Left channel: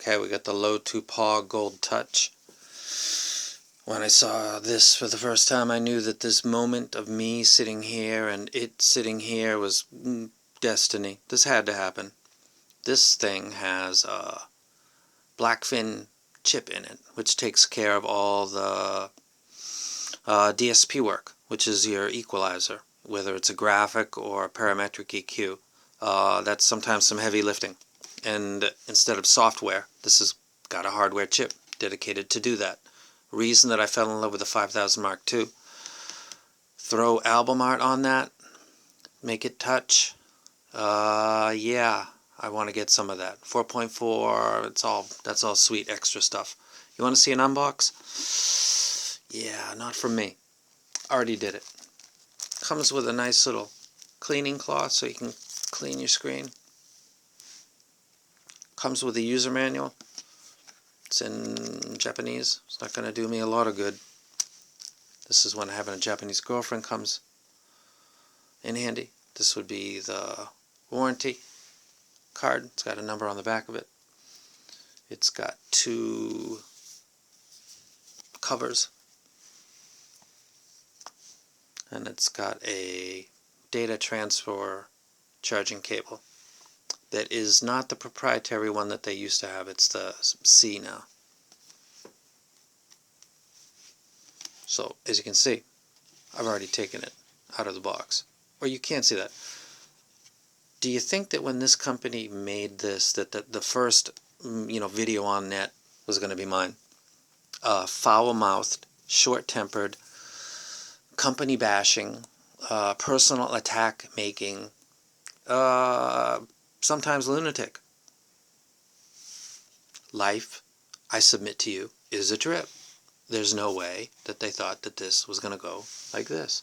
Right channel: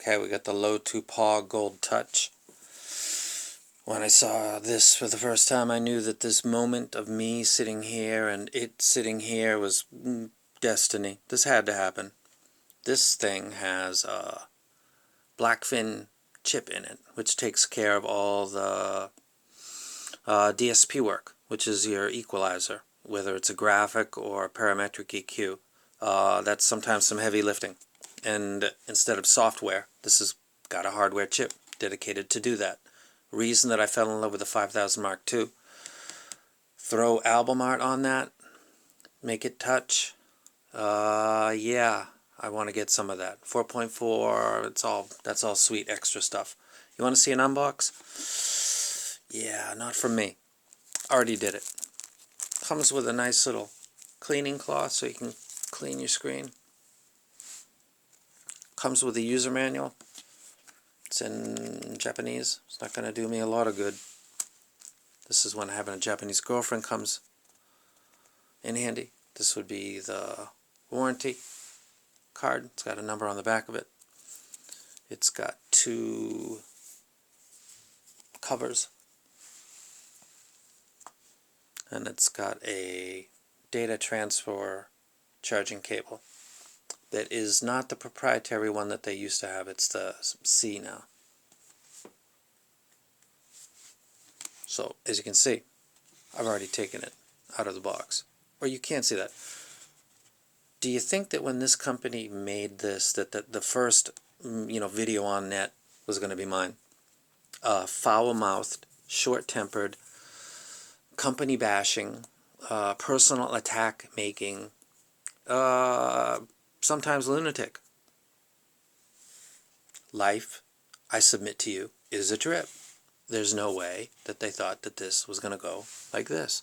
Okay, we got the Lotoo Paw Gold Touch. When I saw this for the first time, I knew that this moment of me sitting here and it sitting here was destiny. This had to happen. This thing has a blackfin chip in it, which takes care of all the DSP work, which is your equalizer, whether it's a graphic or a parametric EQ. That's sometimes some heavy lifting. And instead of software, this has got a hardware chip dedicated to do that. Reason that I fell in love with the 5000 Mark II. Throw album art on that, make it touch. Yeah, I want to get some of that. 4.4, that's all sweet extra stuff. You want to see an unbox? Yeah, not from me. Already did it. Comes with a nice little cleaning cloth so you can clean your screen. Comes with a user manual. It's in Japanese. It's not going to do me a lot of good. This is when having a Japanese girlfriend comes in handy. This would be the warranty card. It's got a number on the back of it. It's got 2 covers. And it's got a data transfer charging cable. That is not the proprietary one that they used to have. It's the C now. So, as you can see, I've already taken it out of the box. Or you can't see that. Do you think that when this company made this, that the first video on net was going to be mine? Foul-mouthed, short-tempered, company bashing, personal attack making, sometimes lunatic. Life, I submit to you, is a trip. There's no way that they thought that this was going to go like this.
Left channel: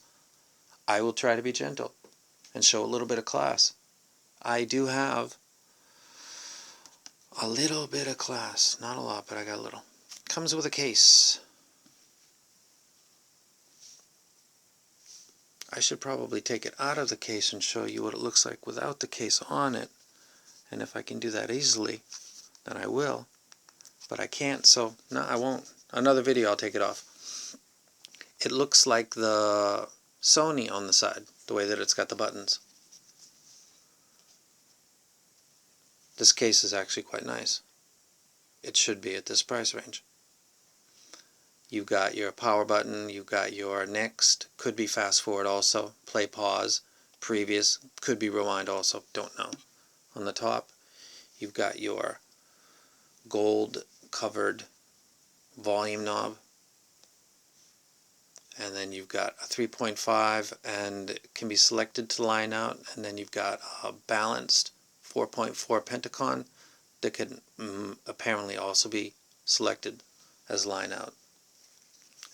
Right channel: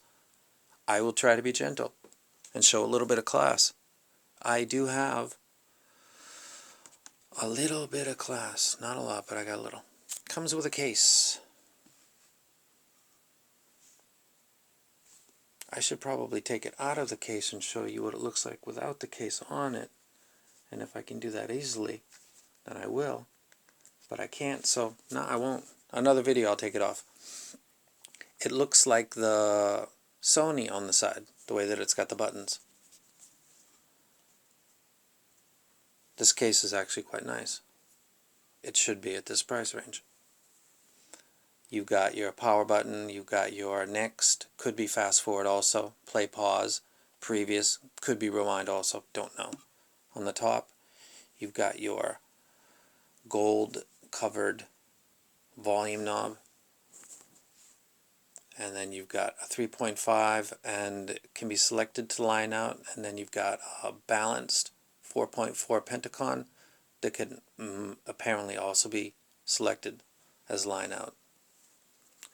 I will try to be gentle and show a little bit of class. I do have a little bit of class. Not a lot, but I got a little. Comes with a case. I should probably take it out of the case and show you what it looks like without the case on it. And if I can do that easily, then I will. But I can't, so no, I won't. Another video, I'll take it off. It looks like the Sony on the side, the way that it's got the buttons. This case is actually quite nice. It should be at this price range. You've got your power button, you've got your next, could be fast forward also, play pause, previous, could be rewind also, don't know. On the top, you've got your gold covered volume knob, and then you've got a 3.5 and it can be selected to line out, and then you've got a balanced 4.4 Pentacon that can apparently also be selected as line out.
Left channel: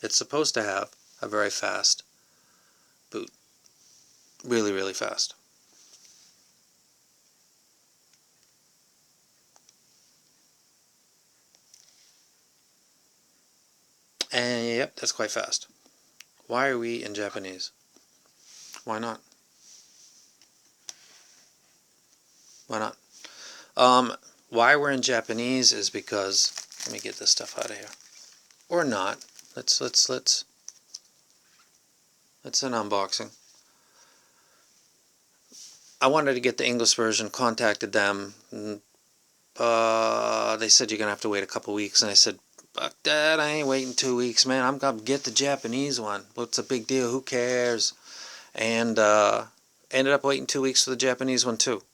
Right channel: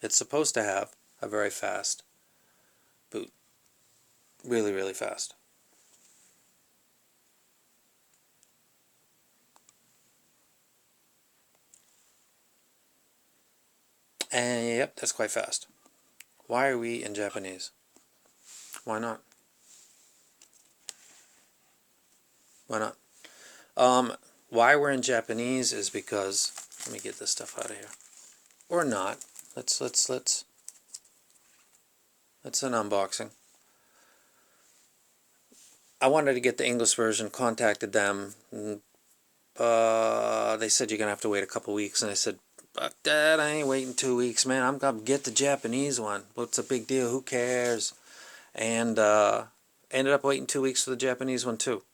It's supposed to have a very fast boot. Really, really fast. And yep, that's quite fast. Why are we in Japanese? Why not? Why not? Why we're in Japanese is because, let me get this stuff out of here. Or not. Let's an unboxing. I wanted to get the English version, contacted them. They said you're going to have to wait a couple weeks, and I said, fuck that, I ain't waiting 2 weeks, man. I'm going to get the Japanese one. What's a big deal? Who cares? And ended up waiting 2 weeks for the Japanese one, too.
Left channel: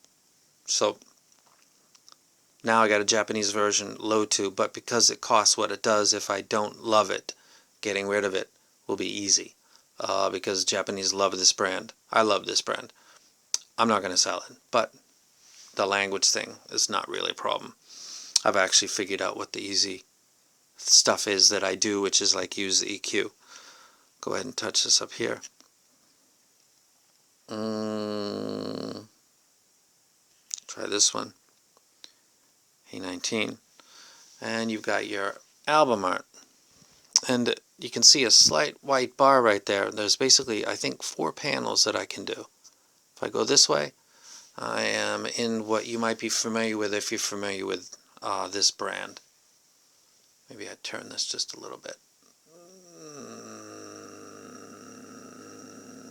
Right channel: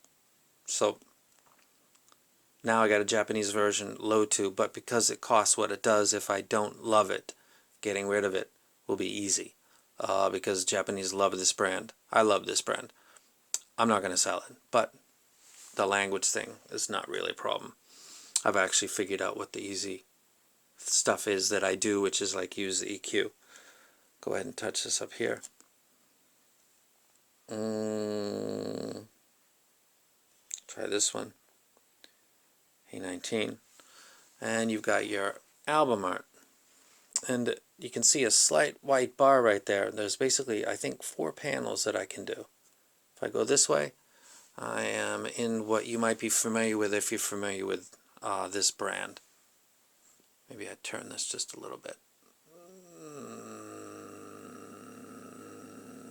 So now I got a Japanese version, Lotoo, but because it costs what it does, if I don't love it, getting rid of it will be easy. Because Japanese love this brand. I love this brand. I'm not going to sell it, but the language thing is not really a problem. I've actually figured out what the easy stuff is that I do, which is like use the EQ. Go ahead and touch this up here. Try this one. A19. And you've got your album art. And you can see a slight white bar right there. There's basically, I think, 4 panels that I can do. If I go this way, I am in what you might be familiar with if you're familiar with this brand. Maybe I turn this just a little bit.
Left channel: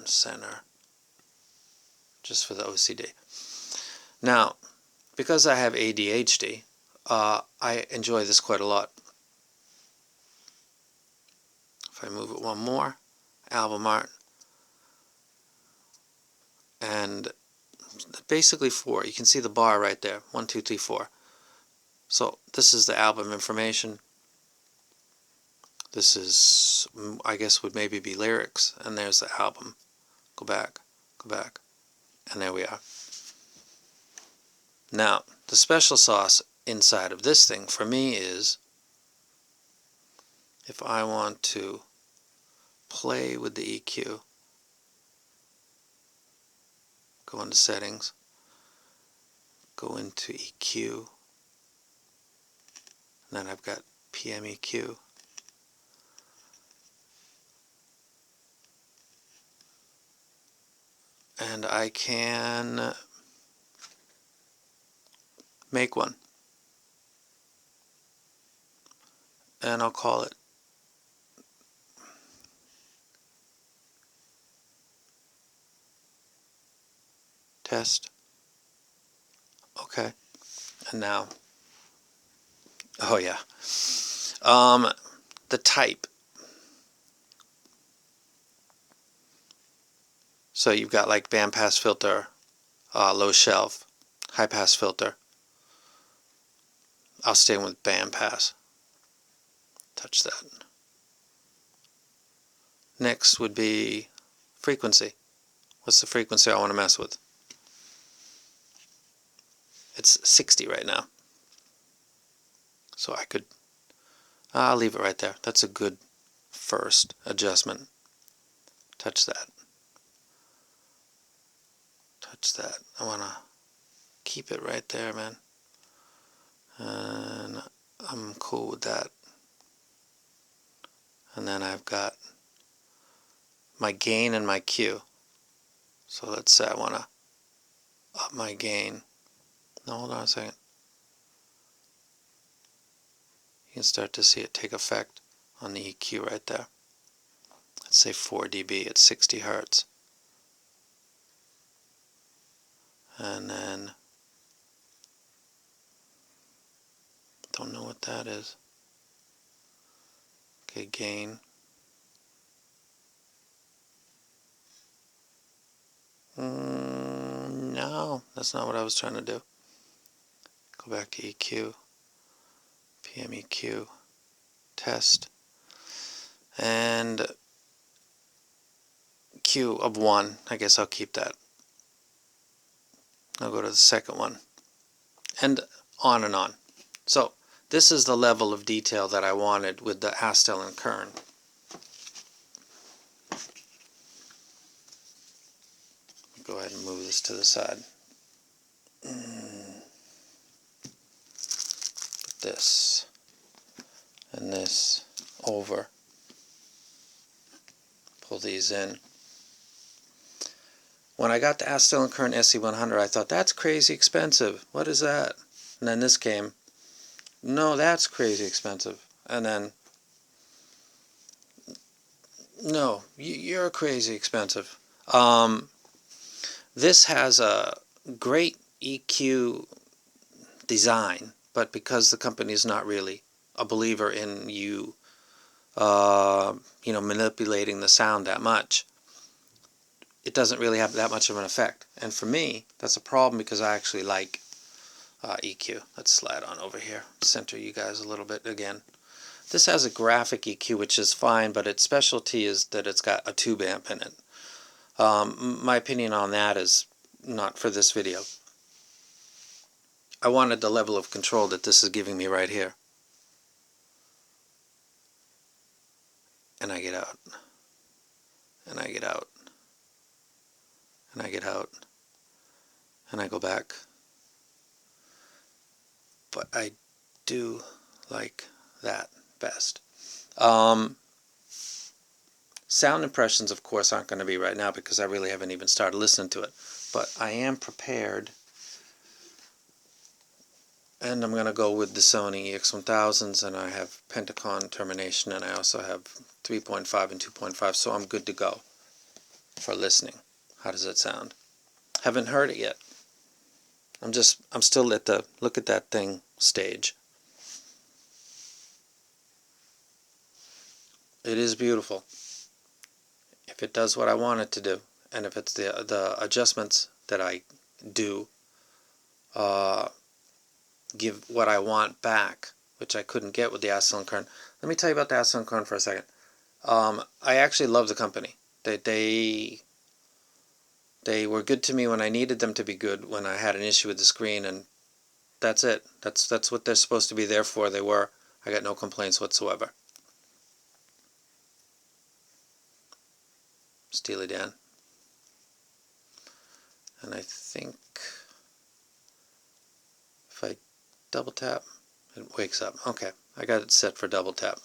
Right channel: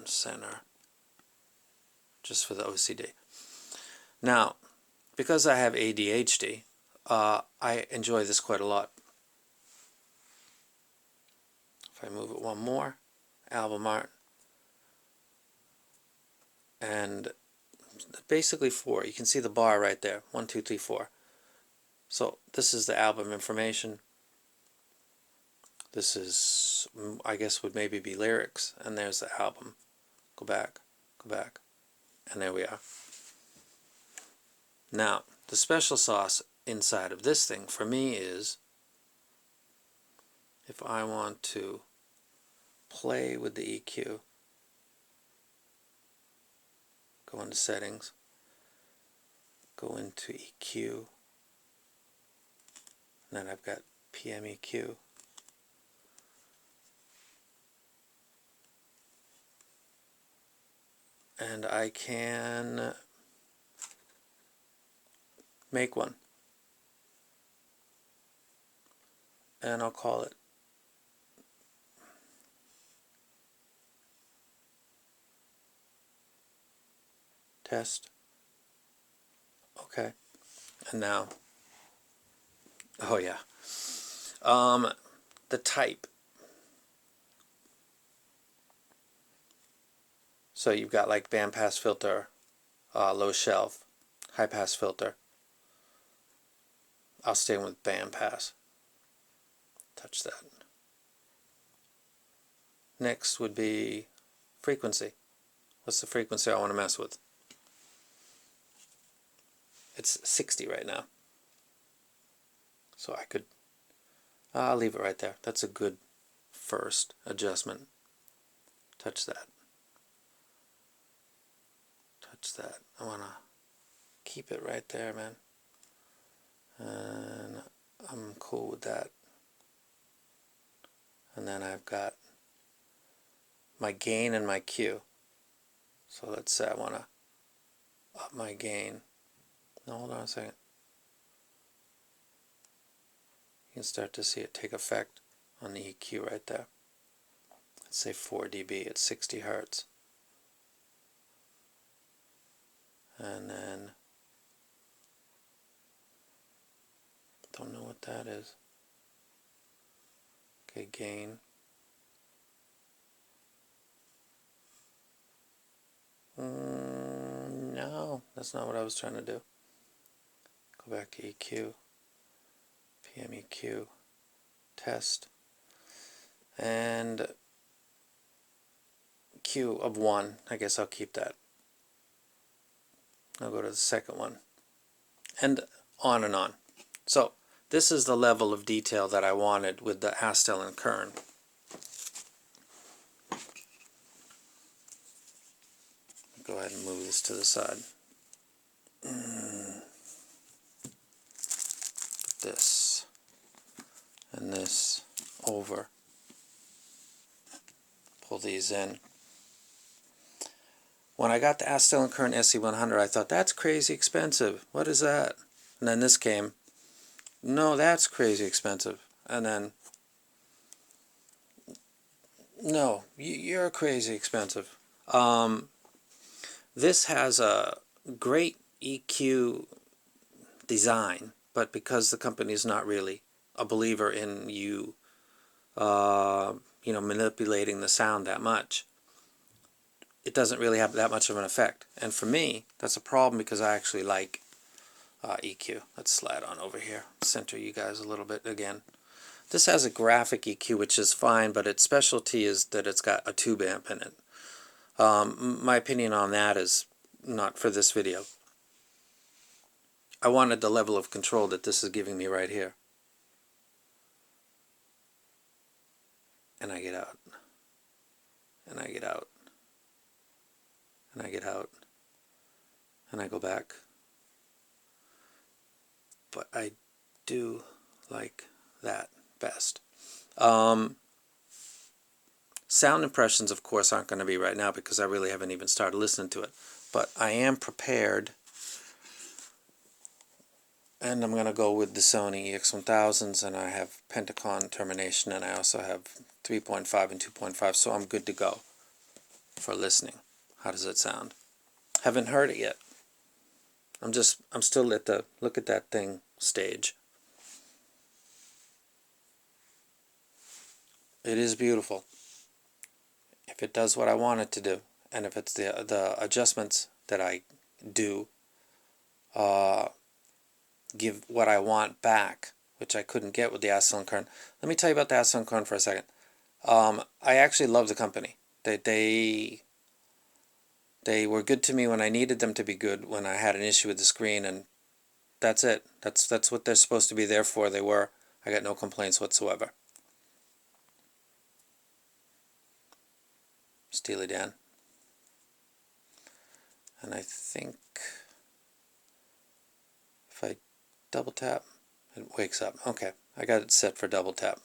Center. Just for the OCD. Now, because I have ADHD, I enjoy this quite a lot. If I move it one more, album art, and basically 4. You can see the bar right there. 1, 2, 3, 4. So this is the album information. This is, I guess, would maybe be lyrics, and there's the album. Go back, and there we are. Now, the special sauce inside of this thing for me is, if I want to play with the EQ, go into settings, go into EQ, and then I've got PMEQ. And I can make one. And I'll call it test. Okay. And now, oh yeah. The type. So you've got like bandpass filter, low shelf, high pass filter. I'll stay with bandpass. Touch that. Next would be frequency. What's the frequency I want to mess with? It's 60 right now. So I could, I'll leave it right there. That's a good first adjustment. Touch that. Touch that. I want to keep it right there, man. And I'm cool with that. And then I've got my gain and my Q. So let's say I want to up my gain. No, hold on a second. You can start to see it take effect on the EQ right there. Let's say 4 dB at 60 hertz. And then, don't know what that is. Okay, gain. No, that's not what I was trying to do. Go back to EQ, PMEQ, test, and Q of 1. I guess I'll keep that. I'll go to the second one, and on and on. So this is the level of detail that I wanted with the Astel and Kern. Go ahead and move this to the side. Put this and this over. Pull these in. When I got the Astel and Kern SE100, I thought, that's crazy expensive. What is that? And then this came. No, that's crazy expensive. And then, no, you're crazy expensive. This has a great EQ design, but because the company is not really a believer in you manipulating the sound that much, it doesn't really have that much of an effect. And for me, that's a problem because I actually like EQ. Let's slide on over here, center you guys a little bit again. This has a graphic EQ, which is fine, but its specialty is that it's got a tube amp in it. My opinion on that is not for this video. I wanted the level of control that this is giving me right here. And I get out. And I get out. And I get out. And I go back. But I do like that best. Sound impressions, of course, aren't going to be right now because I really haven't even started listening to it. But I am prepared And I'm going to go with the Sony EX1000s, and I have Pentacon termination, and I also have 3.5 and 2.5, so I'm good to go for listening. How does it sound? Haven't heard it yet. I'm still at the look at that thing stage. It is beautiful. If it does what I want it to do, and if it's the adjustments that I do give what I want back, which I couldn't get with the Acetylene Kern. Let me tell you about the Acetylene Kern for a second. I actually love the company. They were good to me when I needed them to be good, when I had an issue with the screen, and that's it. That's what they're supposed to be there for. They were. I got no complaints whatsoever. Steely Dan. And I think if I double tap, it wakes up. Okay, I got it set for double tap.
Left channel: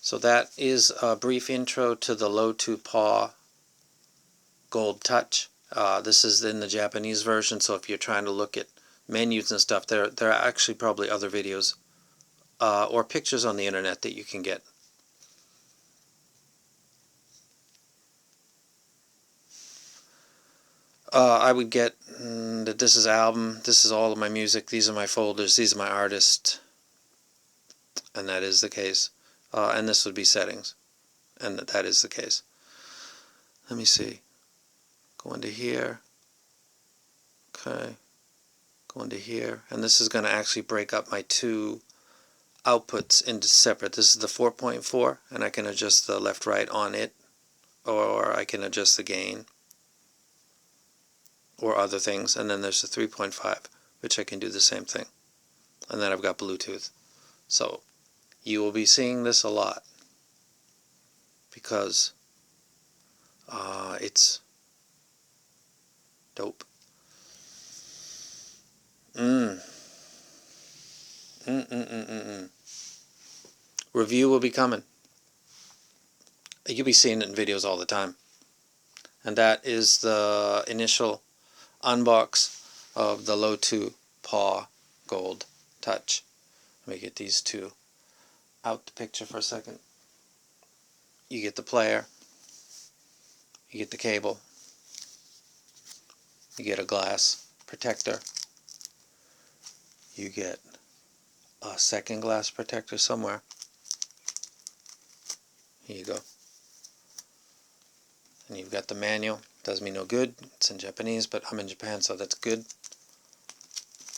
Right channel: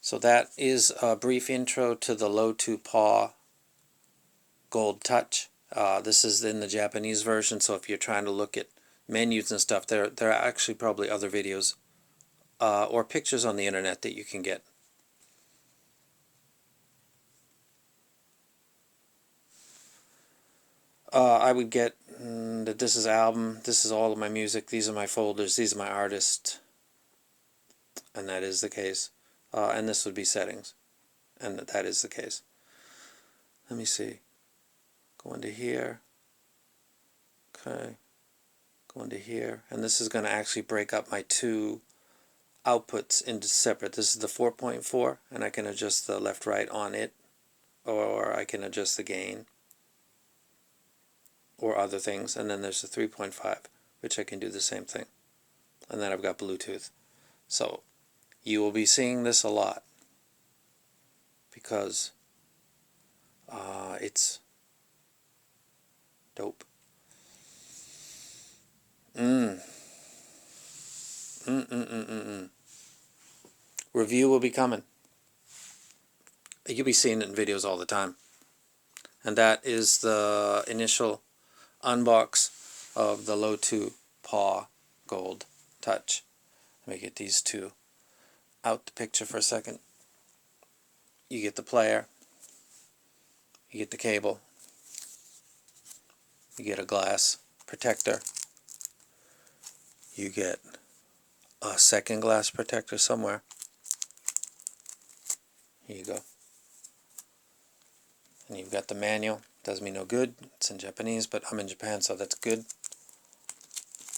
So that is a brief intro to the Lotoo Paw Gold Touch. This is in the Japanese version, so if you're trying to look at menus and stuff, there are actually probably other videos or pictures on the internet that you can get. I would get that this is album, this is all of my music, these are my folders, these are my artists, and that is the case. And this would be settings, and that is the case. Let me see. Go into here. Okay. Go into here, and this is going to actually break up my two outputs into separate. This is the 4.4, and I can adjust the left right on it, or I can adjust the gain or other things. And then there's the 3.5, which I can do the same thing. And then I've got Bluetooth. So you will be seeing this a lot because it's dope. Review will be coming. You'll be seeing it in videos all the time. And that is the initial unbox of the Lotoo Paw Gold Touch. Let me get these two out the picture for a second. You get the player, you get the cable, you get a glass protector, you get a second glass protector somewhere. Here you go. And you've got the manual. Does me no good. It's in Japanese, but I'm in Japan, so that's good.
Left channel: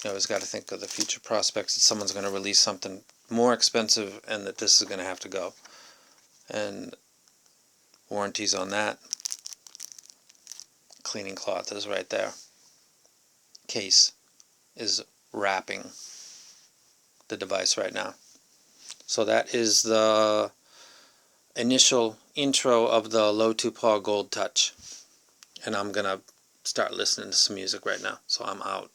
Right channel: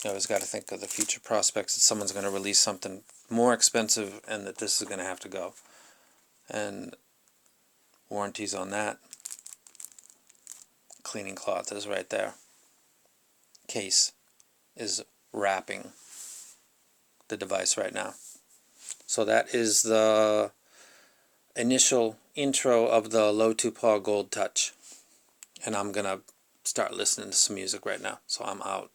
You always got to think of the future prospects that someone's going to release something more expensive and that this is going to have to go. And warranties on that. Cleaning cloth is right there. Case is wrapping the device right now. So that is the initial intro of the Lotoo Paw Gold Touch. And I'm going to start listening to some music right now. So I'm out.